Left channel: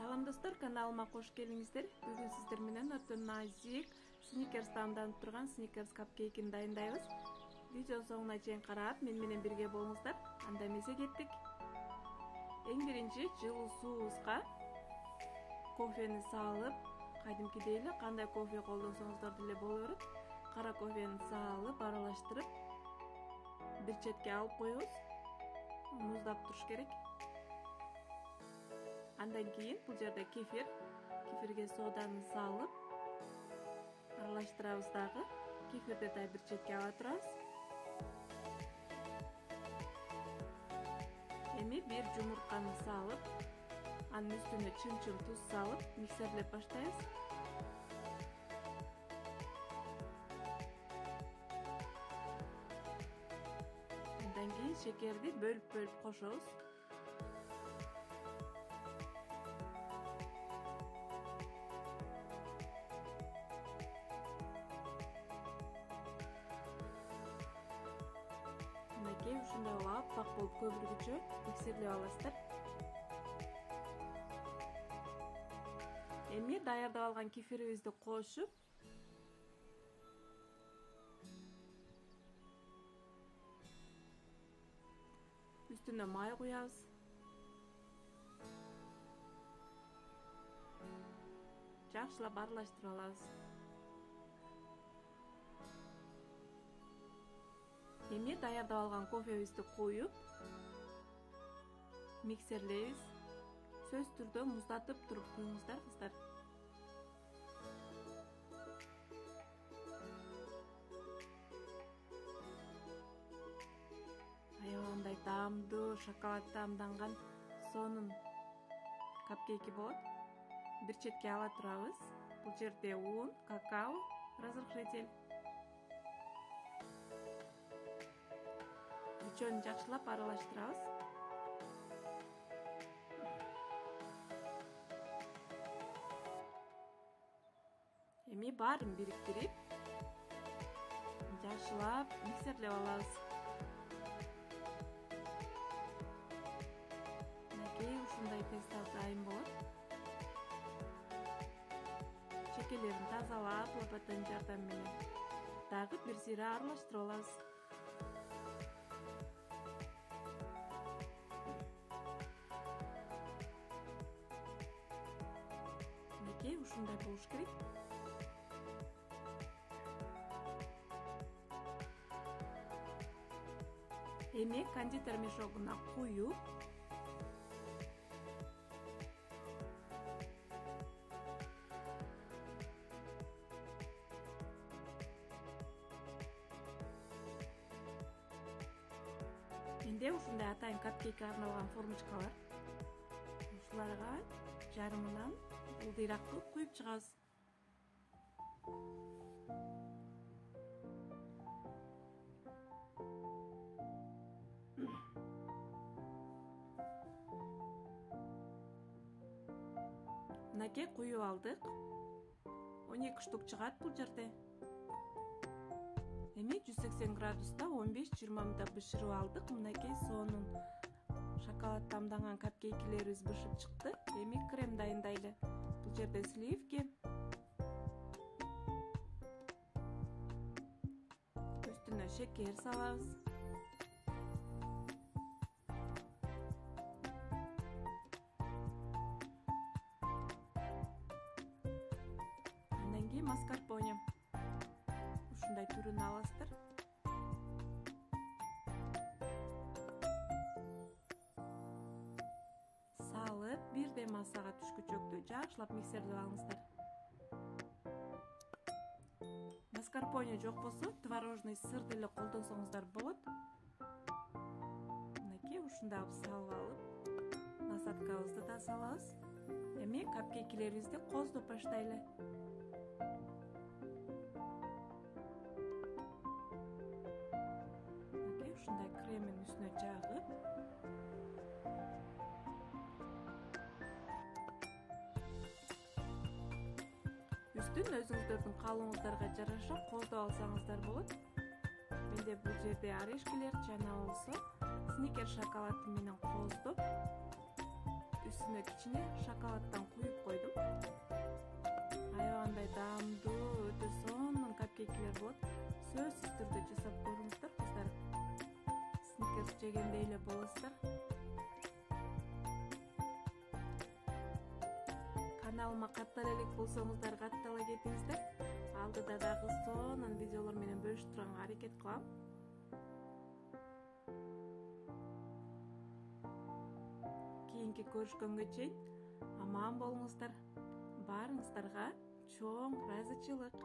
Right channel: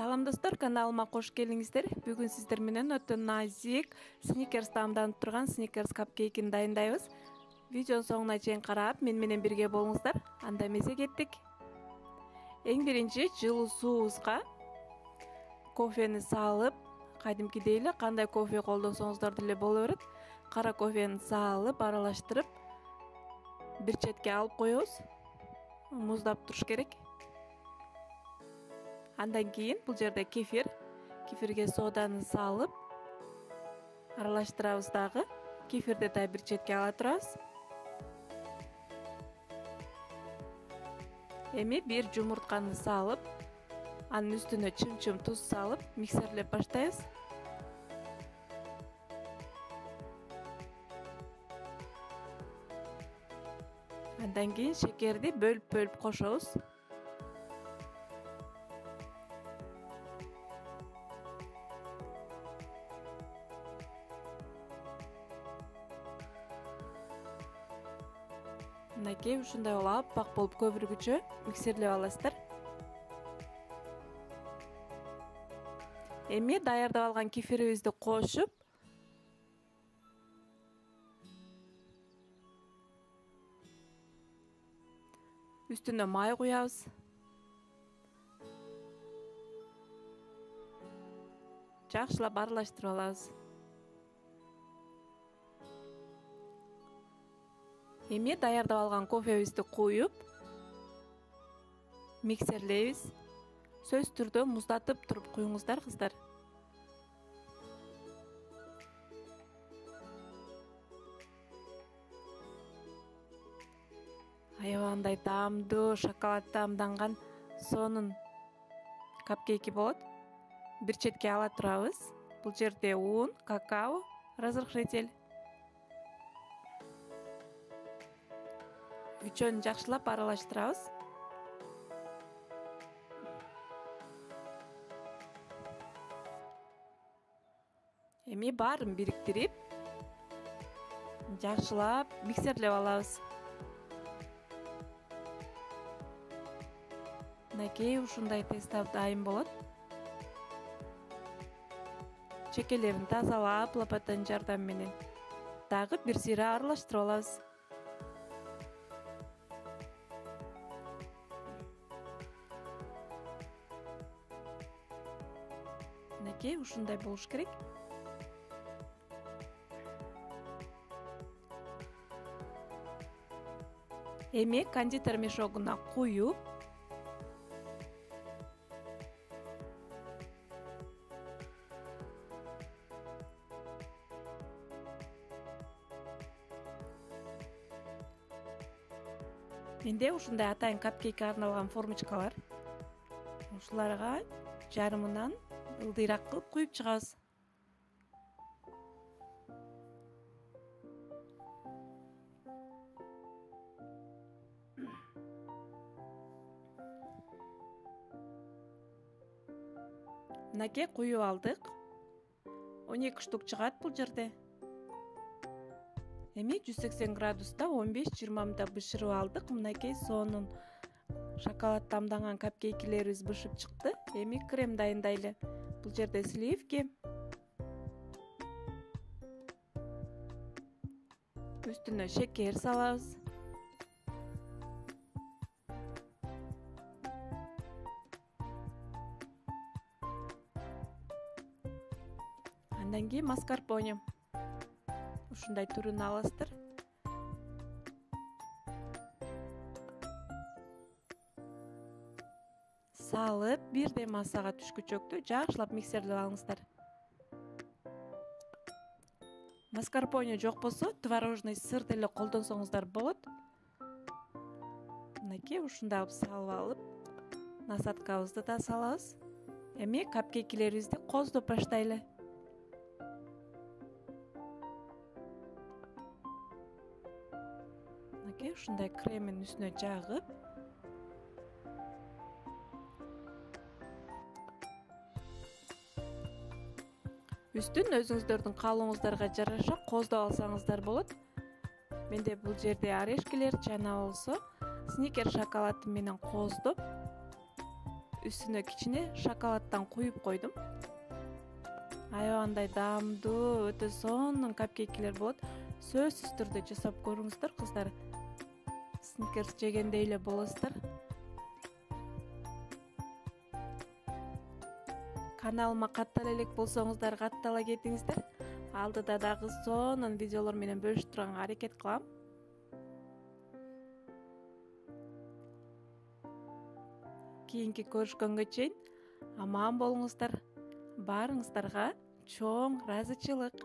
Салам достор, каналыма кош келиңиздер. Бүгүн сиздер менен өтө назик сникерс таамданып турган сникерс капкейкин дайындайбыз. Видео соңуна чейин карап, мен менен бирге болуңуздар. Анда эмесе кеттик. Эң биринчи жылуу суубузга кофени салып, кадимкидей эле кандай кофе колдосоңуздар деле боло берет. Кара кофени салып, аралаштырып, бир четке алып коебуз. Муздап туруш керек. Андан кийин бул жерде кефирге соданы салып аралаштырабыз дагы. Кефирди да бир четке ала турабыз. Эми бир жумуртканы салып, анын үстүнө чым-чым туз салып, миксерлеп баштайбыз. Андан кийин шекерди бөлүп кошобуз. Анакей ушундай болуп, аппак болуп көбүргүчө миксерлеп аласыздар. Эми даярдап алган кефирибизди кошуп, үстүнө май куябыз. Жакшылап аралаштырып алабыз. Эми даярдап алган кофебизди куюп, миксерлейбиз. Сөзсүз түрдө муздатып туруп куюңуздар, кыздар. Аябагандай таамдуу, шоколад таамданган сонун капкейки болот. Бир четке ала турабыз. Бул жерде ун, какао, разрыхлитель. Үчөөнү жакшылап аралаштырабыз. Эми баарын бириктирип, жакшылап миксерлеп алабыз. Анакей ушундай песта дайын болот. Чекелерин тазалап, лопатанын жардамы менен дагы бир сыйра аралаштырып алабыз. Анакей ушундай болуш керек. Эми кондитер мешогуна куюп, менде ушундай атайын капкейкке арналган формочкалар. Ушуларга жарымынан ылдыйраак кылып куюп чыгабыз. Мынакей куюп алдык. 12 штук чыгат бул жерде. Эми 180 градуста 15-20 мүнөт бышырып алдык. Мынакей сонун шоколад таамданган капкейкилерибиз бышып чыкты. Эми крем дайындайлы. Бул жерде сливки. Үстүнө шекер салабыз. Андан кийин маскарпоне. Ушундай түрүн аласыздар. Салып, бирдей массага түшкүчөктү жакшылап миксерлеп алыңыздар. Маскарпоне жок болсо, творожный сыр деле колдонсоңуздар болот. Мынакей ушундай салып алып, насаткабызды да салабыз. Эми капкейкилерибизди коздоп баштайлы. Мынакей ушундай кремин үстүнө жагып, үстүн өзүңүздөрдүн каалооңуздарга жараша коздоп алсаңыздар болот. Менде бул жерде орешкилер жана болсо сникер шоколады менен коздоп үстүнө кичине шоколаддан куюп койдум. Аябандай даамдуу, өтө сонун капкейкилер болот. Сөзсүз түрдө жасап көрүңүздөр кыздар. Сникерс жегендей эле болосуздар. Каналыма каттала элек болсоңуздар, каттала кетиңиздер. Алдыда дагы сонун видеолор менен бөлүшүп турганга аракет кылам. Кийинки көрүшкөнгө чейин аман болуңуздар. Баарыңыздарга чоң ыраазычылык.